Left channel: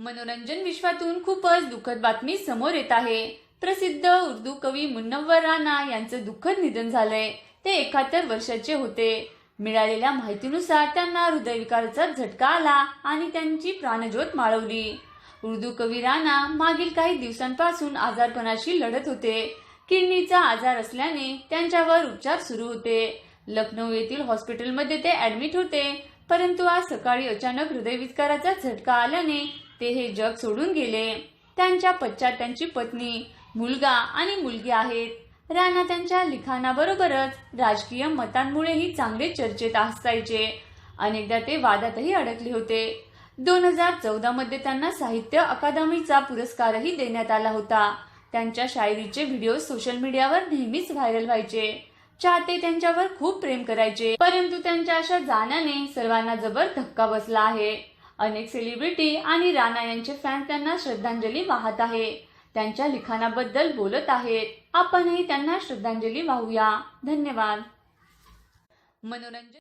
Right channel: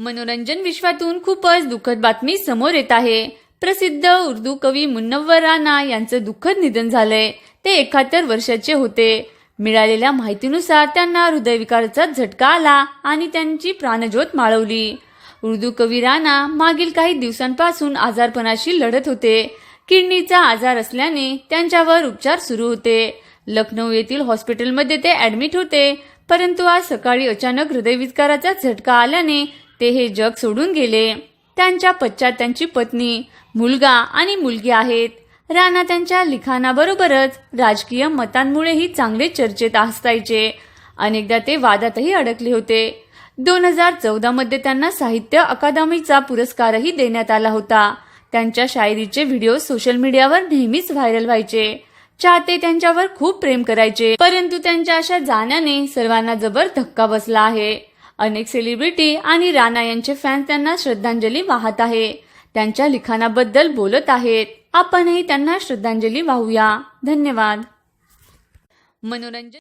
मनोरंजन विश्वातून खूपच दुःखद बातमी समोर येत आहे. प्रसिद्ध उर्दू कवी मुन्नव्वर राणा यांचं दुःखद निधन झालंय. ते एकाहत्तर वर्षाचे होते. मिळालेल्या माहितीनुसार त्यांना हृदयविकाराचा झटका आला आणि त्यांची प्राणज्योत माळवली. उर्दू कवी राणा मागील काही दिवसांपासून आजारपणाशी लढत होते. किडनीचा आजार असल्याने त्यांच्यावर उपचार सुरू होते. लखनौ येथील हॉस्पिटलमध्ये ते ऍडमिट होते. परंतु आज सकाळी अचानक हृदयविकाराचा झटका आल्याने ते हे जग सोडून गेले. त्यांच्या पश्चात त्यांची पत्नी मुलगा आणि मुलगी आहेत. राणा त्यांच्या लिखाणाबरोबरच राजकीय मतांमुळेही चांगले चर्चेत असायचे अनेकदा ते वादातही अडकले होते. दोन हजार चौदामध्ये त्यांना साहित्य अकादमीचा पुरस्कारही देण्यात आला होता. त्यांच्या शायरीचे व्हिडिओ सोशल मीडियावर नेहमीच व्हायरल व्हायचे. चाहते त्यांच्यावर खूप प्रेम करायचे. परंतु त्यांच्या अशा जाण्याने सर्वांना जबर धक्का बसला आहे. अनेक सेलिब्रिटी आणि राणा यांचे फॅन्स त्यांना श्रद्धांजली वाहत आहे. त्यांच्या लिखाणाबद्दल बोलत आहेत. आपणही त्यांना श्रद्धांजली वाहूया. धन्यवाद. मनोरंजन